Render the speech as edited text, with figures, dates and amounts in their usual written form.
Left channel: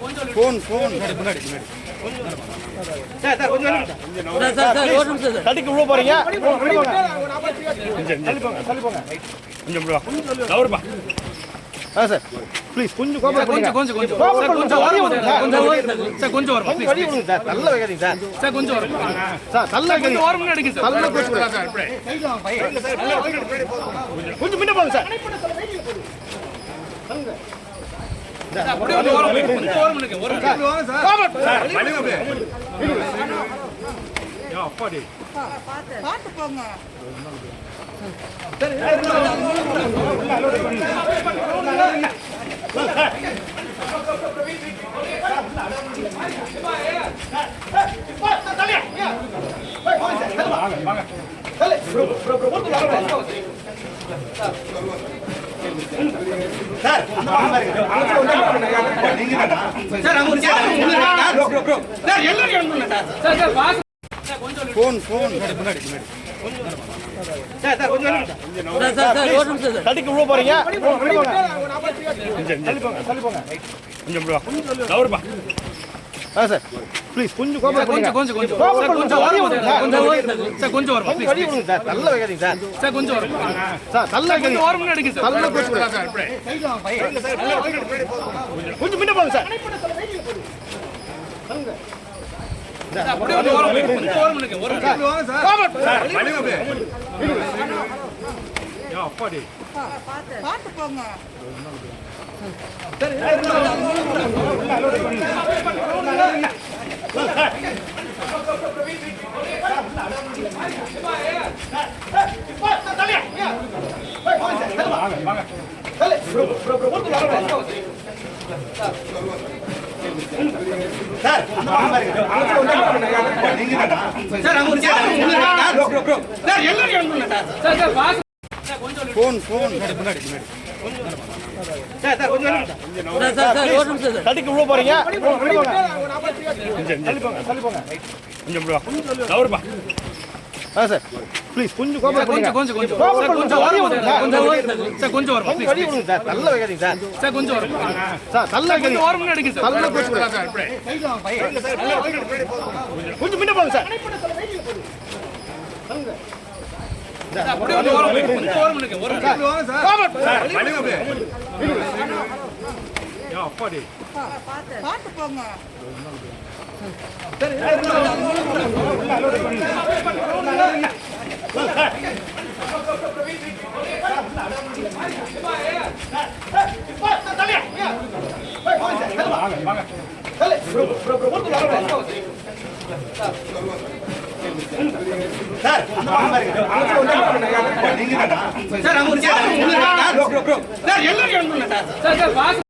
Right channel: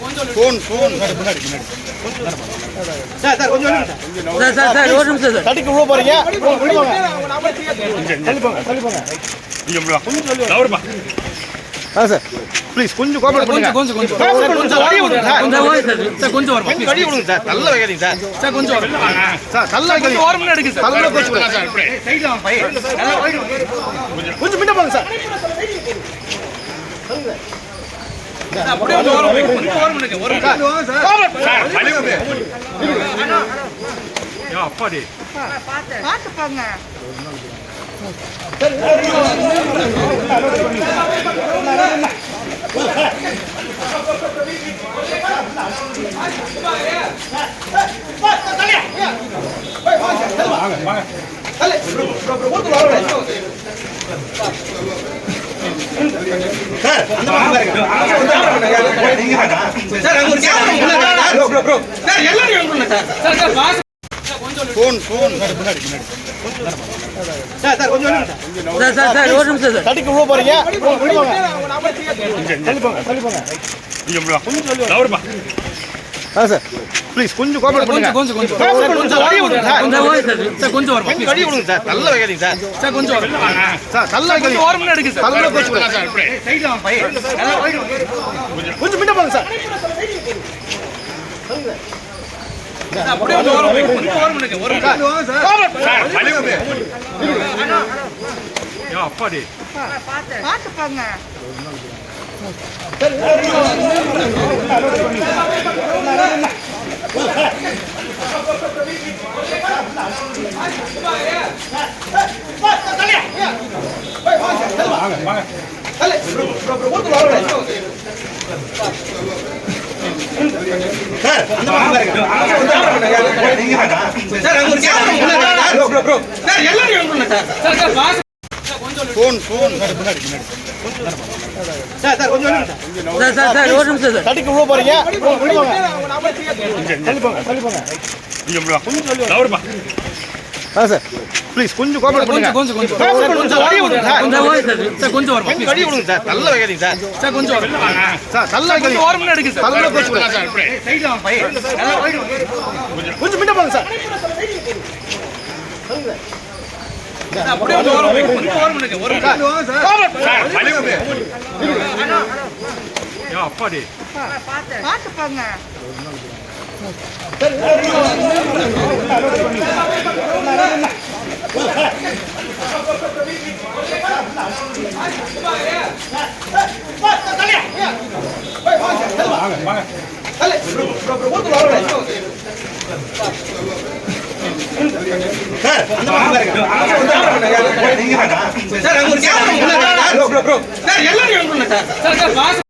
Phone phone தட்டிக்கு உள்ள போறீங்க. Sir please கொஞ்சம் கோஆபரேட் பண்ணுங்க. கொஞ்சம் வழி விடுங்க சார். கொஞ்சம் வரும். கொஞ்சம் வழி விடுங்க சார். நல்ல வைக்காதீங்க சார். சார் கொஞ்சம் சார் நல்ல வைக்காதீங்க. ஒரு மினிட் எடுங்க சார். நல்ல கோச்சு சார். சைடுல வாங்க பை. கொஞ்சம் முன்ன போங்க சார். அப்படியே ஒரு மினிட் ஒரு மினிட் சார். வழி விடுங்க. யா அப்பாடி. பாத்து போங்க. ஃபோன் ஃபோன் தட்டிக்கு உள்ள போறீங்க. சார் ப்ளீஸ் கொஞ்சம் கோஆபரேட் பண்ணுங்க. கொஞ்சம் வழி விடுங்க சார். கொஞ்சம் வரும். கொஞ்சம் வழி விடுங்க சார். நல்ல வைக்காதீங்க சார். சார் கொஞ்சம் சார் நல்ல வைக்காதீங்க. ஒரு மினிட் எடுங்க சார். நல்ல கோச்சு சார். சைடுல வாங்க பை. கொஞ்சம் முன்ன போங்க சார். அப்படியே ஒரு மினிட் ஒரு மினிட் சார். வழி விடுங்க. யா அப்பாடி. பாத்து போங்க. ஃபோன் ஃபோன் தட்டிக்கு உள்ள போறீங்க. சார் ப்ளீஸ் கொஞ்சம் கோஆபரேட் பண்ணுங்க. கொஞ்சம் வழி விடுங்க சார். கொஞ்சம் வரும். கொஞ்சம் வழி விடுங்க சார். நல்ல வைக்காதீங்க சார். சார் கொஞ்சம் சார் நல்ல வைக்காதீங்க. ஒரு மினிட் எடுங்க சார். நல்ல கோச்சு சார். சைடுல வாங்க பை. கொஞ்சம் முன்ன போங்க சார். அப்படியே ஒரு மினிட் ஒரு மினிட் சார். வழி விடுங்க. யா அப்பாடி. பாத்து போங்க. சார்